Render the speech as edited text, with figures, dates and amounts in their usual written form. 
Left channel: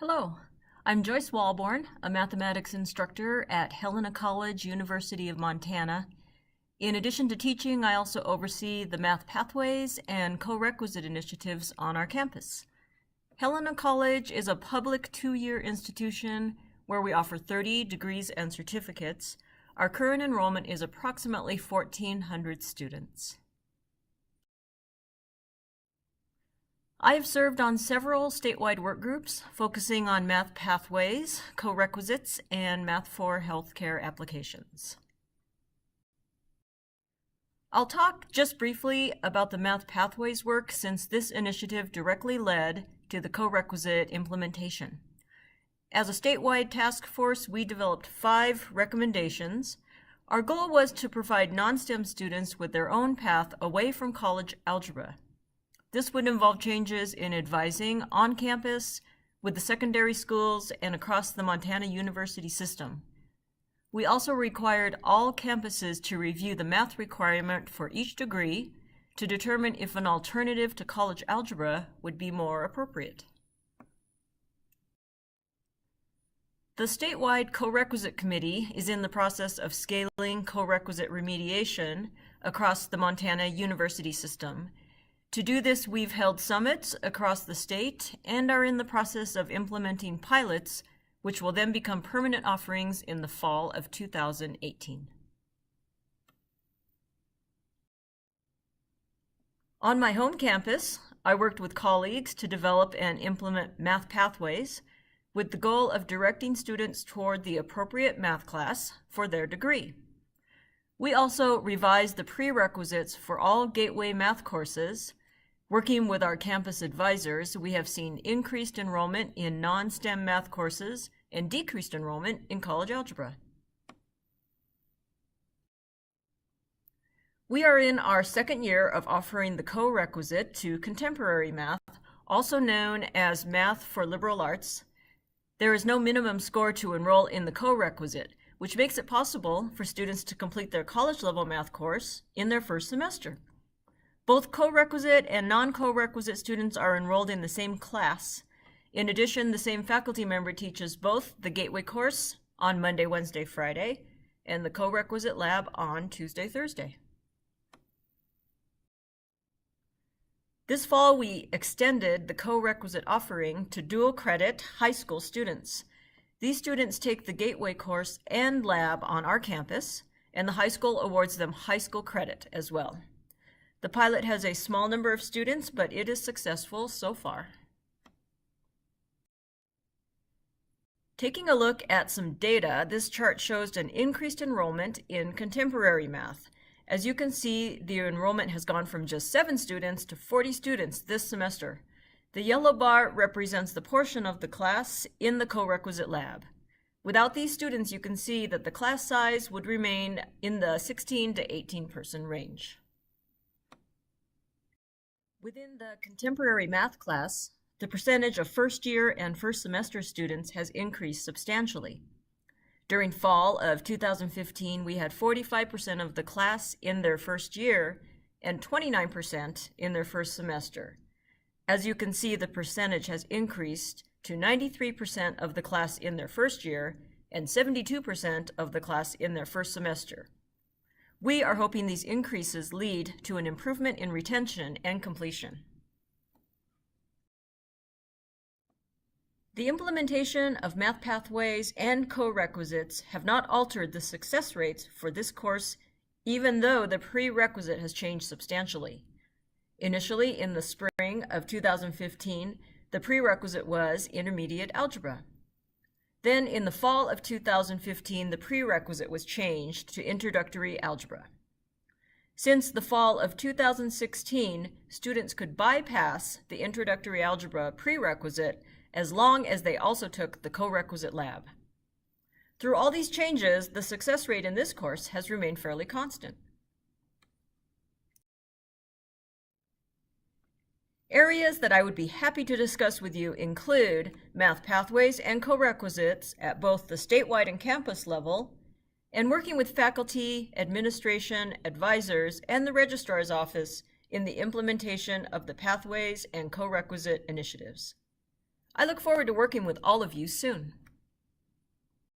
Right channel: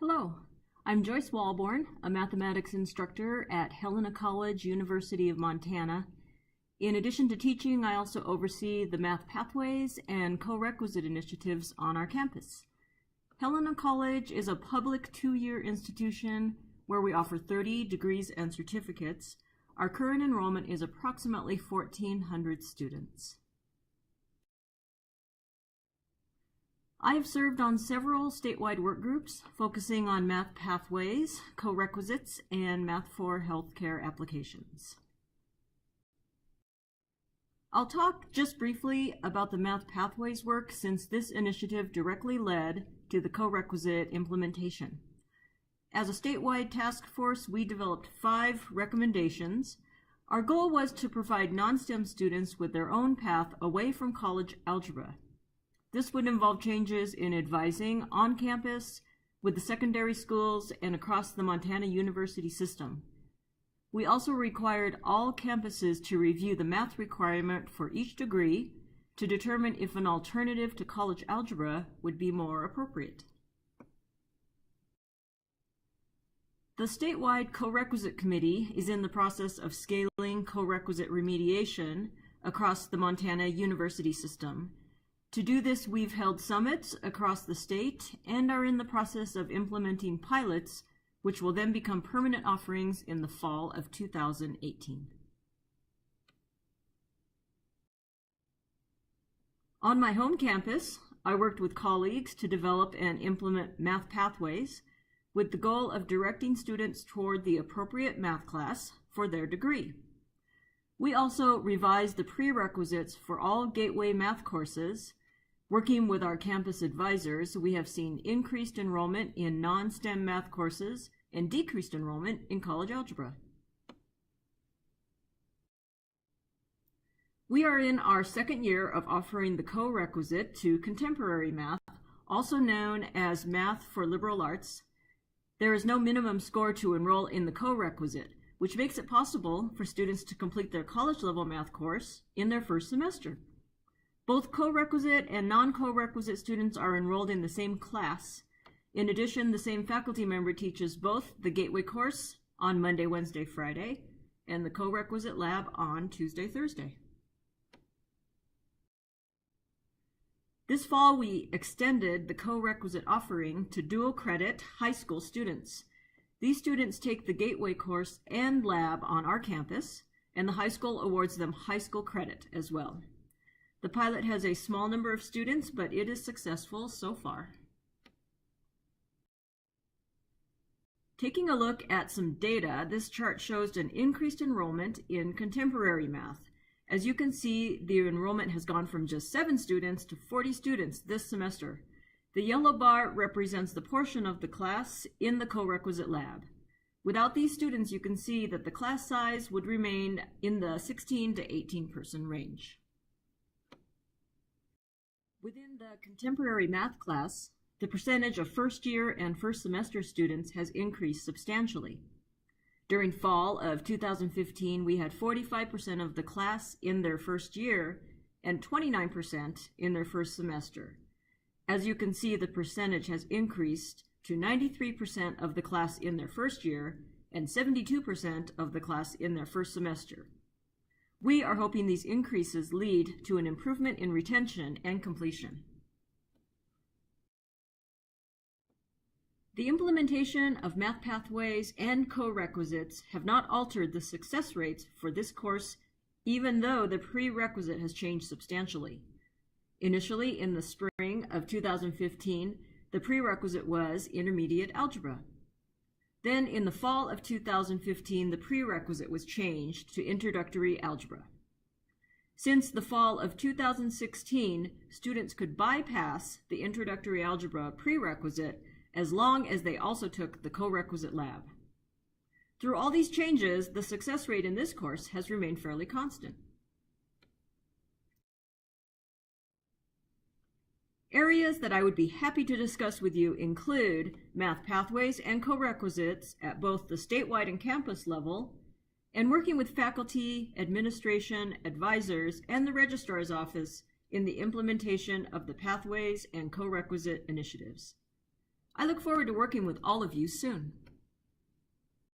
Hello, I'm Joyce Walborn, a mathematics instructor at Helena College, University of Montana. In addition to teaching, I also oversee the Math Pathways and Corequisite initiatives on our campus. Helena College is a public 2-year institution where we offer 30 degrees and certificates. Our current enrollment is approximately 1,400 students. I have served on several statewide work groups focusing on math pathways, corequisites, and math for healthcare applications. I'll talk just briefly about the math pathways work since this initiative directly led to the corequisite implementation. As a statewide task force, we developed 5 recommendations. Our goal was to provide non-STEM students with their own path away from college algebra. This would involve changes in advising on campus, with the secondary schools, and across the Montana University system. We also required all campuses to review the math requirement for each degree to determine if an alternative to college algebra would be more appropriate. The statewide Corequisite Committee is in the process of scaling corequisite remediation across the Montana University system. To do this, we've held summits across the state and are in the process of implementing pilots, which will then become permanent offerings in the fall of 2018. On my home campus, I worked with colleagues to develop and implement math pathways with the goal of directing students toward the appropriate math class for their degree. We also revised the prerequisites for all Gateway math courses. Working with our campus advisors, we have seen increased enrollment in non-STEM math courses and decreased enrollment in college algebra. We are in our 2nd year of offering the corequisite to contemporary math, also known as Math for Liberal Arts. There is no minimum score to enroll in the corequisite, which makes it possible for students to complete their college-level math course in their first semester. Both corequisite and non-corequisite students are enrolled in the same class. In addition, the same faculty member teaches both the Gateway course on Monday, Wednesday, Friday, and the corequisite lab on Tuesday, Thursday. This fall, we extended the corequisite offering to dual credit high school students. These students take the Gateway course and lab on our campus, and the high school awards them high school credit as well. The pilot has a small number of students, but it is successful so far. Taking a look at some data, this chart shows an increased enrollment in contemporary math. As you can see, the enrollment has gone from just 7 students to 40 students this semester. The yellow bar represents the portion of the class in the corequisite lab. Without these students, you can see that the class size would remain in the 16 to 18 person range. Within the contemporary math class, the percentage of first-year and first semester students has increased substantially. During fall of 2015, we had 45% of the class in their first year and 29% in their first semester. As you can see, the percentage has increased to 93% of the class in their first year and 72% of the class in their first semester. We are hoping these increases lead to an improvement in retention and completion. The implementation of math pathways and corequisites have not altered the success rates for this course, even though the prerequisite has changed substantially. Initially, in the spring of 2015, the prerequisite was intermediate algebra. Then, in the fall of 2015, the prerequisite was changed to introductory algebra. Since the fall of 2016, students could bypass the introductory algebra prerequisite as long as they also took the corequisite lab. Through all these changes, the success rate in this course has remained fairly constant. Areas that I would be happy to discuss with you include math pathways and corequisites at both the statewide and campus level, and working with faculty, administration, advisors, and the registrar's office in the implementation of the pathways and corequisite initiatives. I look forward to working with all of you soon.